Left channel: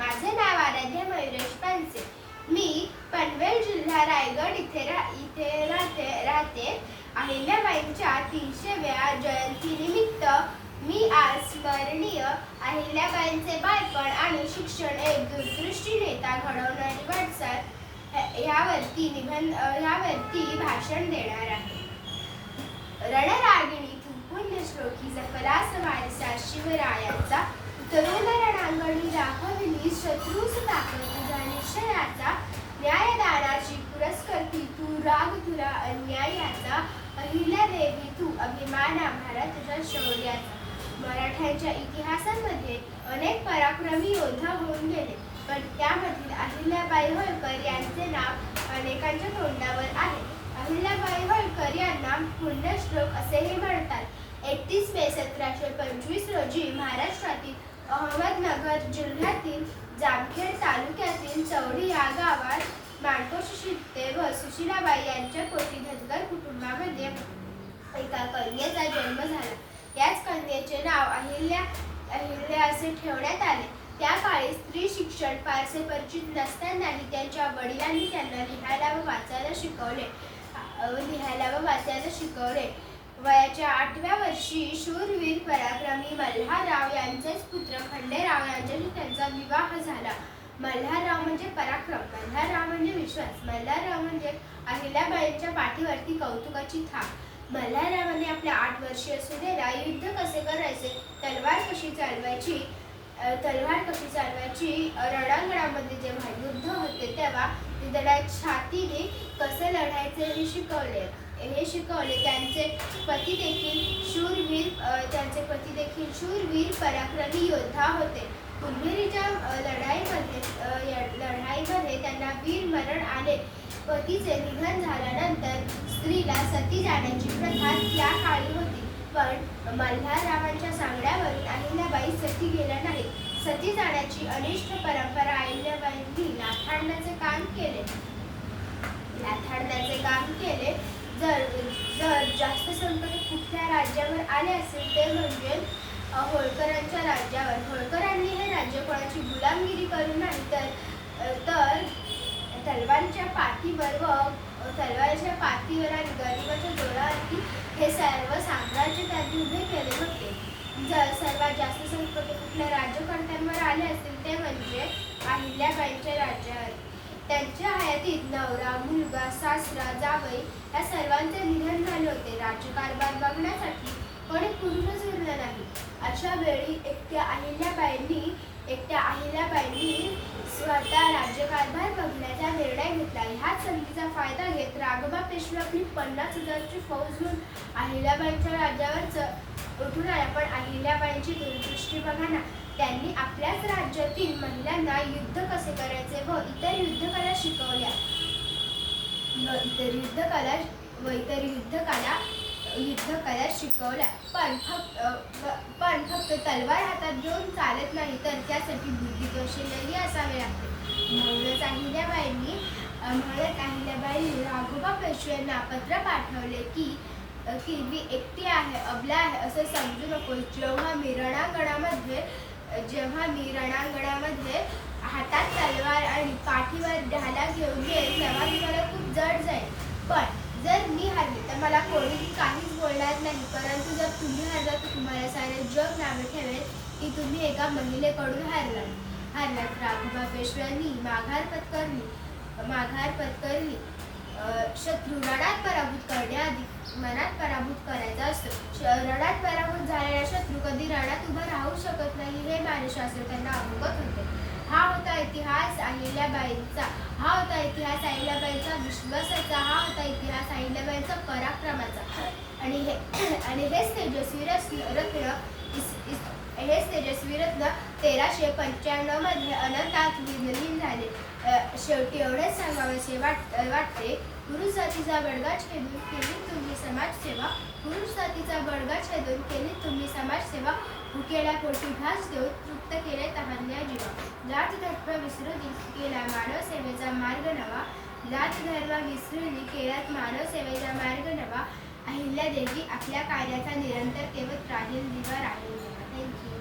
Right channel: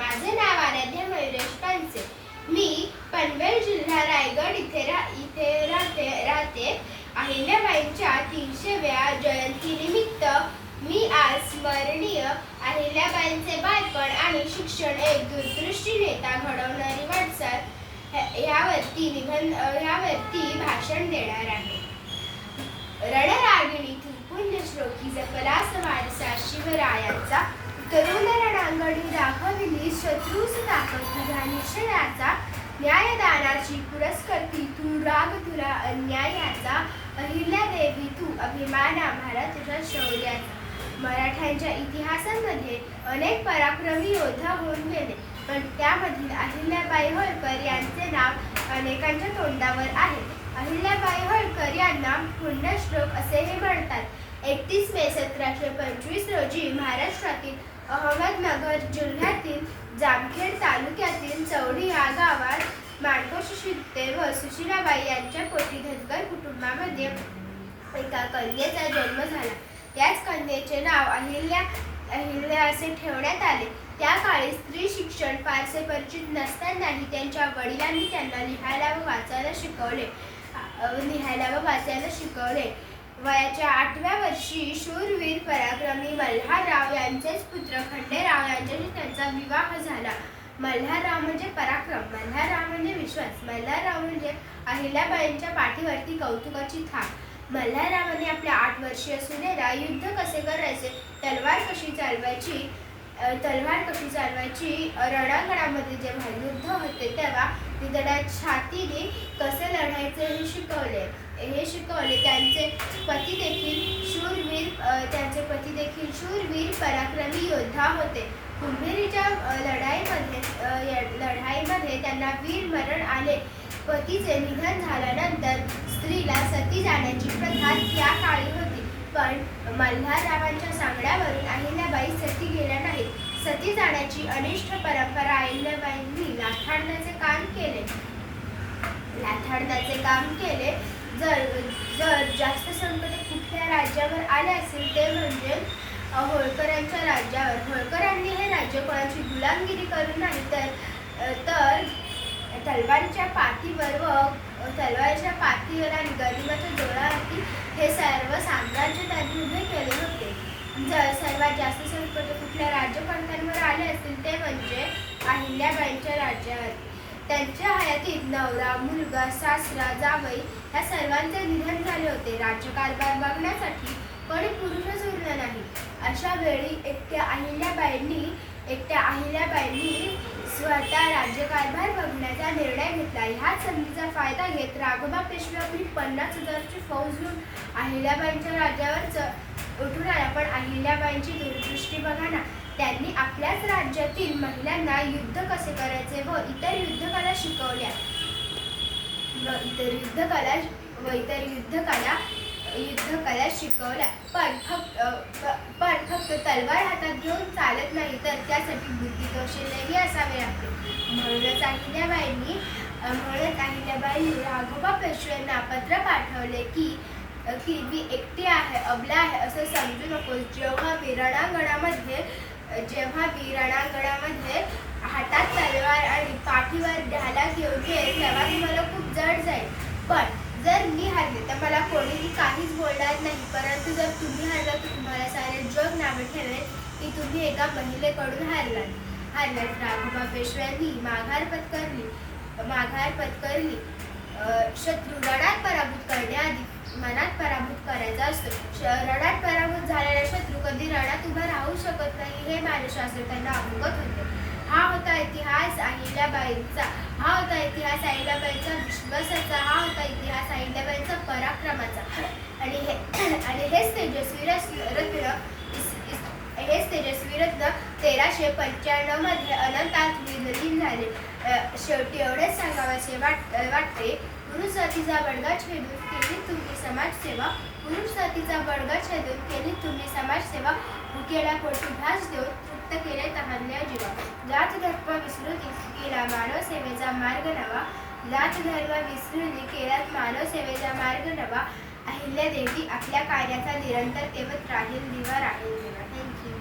माझे नाव आराध्य मयुरेश पानसे. मी पनवेल जिल्हा रायगड इथे रा इथे राहते राहते. अहिल्याबाईंच्या तीनशेव्या जयंतीनिमित्त मी आज स्मरणीय अहिल्याबाईंचे बालपण आणि शिक्षण एक दूरदृष्टी नेता घडवणारी वाटचाल यावरती निबंध ह्यावरती भाषण देणार आहे. रणरागिणी पुण्यश्लोकी जपला वारसा शिवरायांचा दाखविली शत्रूस ताकद तुझ्या निश्चयाचा न्यायदानाची पुरस्कर्ती तू राग तुला अन्यायाचा अहिल्या देवी तू अभिमान आम्हाला तुझ्या शौर्याचा. मराठ्यांच्या इतिहासांमध्ये अनेक पराक्रमी योद्धा होऊन गेले पण त्यामधील अहिल्याबाई होळकर यांचे नाव अनेकांच्या तोंडावर आहे. अहिल्याबाई होळकर यांना पुण्यश्लोक असेही म्हणतात. एकतीस मे सतराशे पंचवीस रोजी महाराष्ट्रातील अहमदनगर जिल्ह्यातील जामखेड तालुक्यातील चौडी या गावात माणकोशी शिंदे व सुशीलाबाई यांच्या पोटी धनगर कुटुंबामध्ये एका कन्येचा जन्म झाला. याच कन्येचे नाव अहिल्या अहिल्या असे ठेवण्यात आले. त्या काळी स्त्री शिक्षण फारसे परिचित नसतानाही त्यांच्या वडिलांनी त्यांना लिहायला व वाचायला शिकवले. लिहायला व वाचायला शिकवले. वयाच्या आठव्या वर्षी शूरवीर पराक्रमी मल्हारराव यांचेच पुत्र खंडेराव यांच्याशी त्यांचा विवाह झाला. मल्हारराव म्हणजे पराक्रम मल्हारराव म्हणजे विश्वास मल्हारराव म्हणजे अहिल्याबाईंच्या पाठीवरती कौतुकाची थाप मल्हाररावाने आपल्या आठ वर्षीय सुनेला युद्ध कसे करायचे तलवार कशी चालवायची तलवार कशी चालवायची रणांगणामध्ये जेव्हा युद्ध होते तेव्हा तिथल्या छातीने कसे लढायचे हे शिकवले. हे शिकवले. त्यांचे पती देखील शूरवीर त्यांचे पती देखील शूरवीर पराक्रमी योद्धा होते. कुंभेरीच्या लढाईमध्ये लढाईमध्ये त्यांना वीर मरण आले. पतीचे निधन झाल्यानंतर स्त्रीला सती जाण्याची प्रथा त्या काळी होती. पण मल्हाररावांच्या सांगण्यावरून अहिल्याबाई सती गेल्या नाही सती जाण्याची अनिष्ट परंपरा अहिल्याबाईंनी लाथाडण्याचे काम केले. लाथाडण्याचे काम केले. जर जर जास्त संकट म्हणजे कुठल्या राज्यावर आले असेल ते म्हणजे होळकरांच्या राज्यावर. होळकरांनी हे राज्य कोणाची गुलामगिरी करू नाही तर तर तलवारीच्या पाठीवर व तलवारीच्या पाठीवर आणि गरिबाच्या जोरावरती हे सर्व साम्राज्य त्यांनी उभे केले होते. जर सर्वात जास्त संकट म्हणजे कुठल्या राज्यकर्त्यांवर आले असतील ते म्हणजे अहिल्याबाईंच्या राज्यावर. त्यांच्या हयातीत नवरा मुलगा सासरा जावई या सर्वांचे निधन झाले होते. राज्यकारभार बघण्यासाठी कोणी पुरुषच उरला नाही. अशा वेळी एकट्या अहिल्याबाईंनी एकट्या अहिल्याबाईंनी स्वतः राज्यकारभार बघण्याचा निर्णय घेतला. ह्या संधीचा फायदा घेत राघबा पेशवे आपली पन्नास हजारची फौज घेऊन अहिल्याबाईंच्या राज्यावर च- उठून आला. पण अहिल्याबाईंची दूरदृष्टी बघा ना त्यांनी आपल्याच राज्यातील महिलांना युद्ध कसे करायचे व इतर युद्धकला शिकवल्या? व इतर युद्धकला व इतर युद्धकला युद्धकला शिकवल्या. पण फक्त पण फक्त तलवार हातात घेऊन चालत नाही तर त्यासाठी बुद्धी कौशल्यही असावे लागते. म्हणूनच अहिल्याबाईंनी अ, म्हणूनच अहिल्याबाईंनी राघोबा पेशव्यांना पत्र पाठवले की की मी एकटी आहे अबला आहे असं समजू नको जेव्हा मी रणांगणामध्ये जेव्हा मी रणांगणामध्ये हातात तलवार आणि पाठीवर ढाला घेऊन येईल तेव्हा मी मला खूप जड जाईल. पण जर मी हरले तर मला कोणीही काहीच बोलणार नाही. परंतु जर तुम्ही हरला तर तुम्हाला सारे जग नावे ठेवेल की तुम्ही एका महिलेकडून हारलात. हारलात राघोबा पेशव्यांनी माघार पत्करली माघार पत्करली. शत्रू रणात पराभूत करण्याआधी मनात पराभूत करायचा असतो. श- रणात पराभूत झालेला शत्रू कधी रणात उभा हे मानसशास्त्र अवगत होते. हा होता इतिहास अहिल्याबाईंचा. हा होता इतिहास अहिल्याबाईंचा विश्वासाचा. हा होता इतिहास अहिल्याबाईंचा पराक्रमाचा. आणि हे आणि हेच तेजस्वी रत्न हेच तेजस्वी रत्न तेराशे पंच्याण्णवमध्ये अनंतात विलीन झाले. शेवटी एवढेच सांगावेसे वाट वाटते गुरु जातीचा बडगा छेदून केली तुम्ही समाजसेवा पुरुष जातीचा बडगा छेदून केली तुम्ही समाजसेवा भुकेला पोटी भास देऊन तृप्त केले तहान्या जीवा. जात धर्म विसरून केला मानव सेवेचा मार्ग नवा. जात धर्म विसरून केलात मानव सेवेचा मार्ग नवा. अहिल्या देवी आपल्या कार्याचा निरंतर तेवत राहील दिवा राहील थँक्यू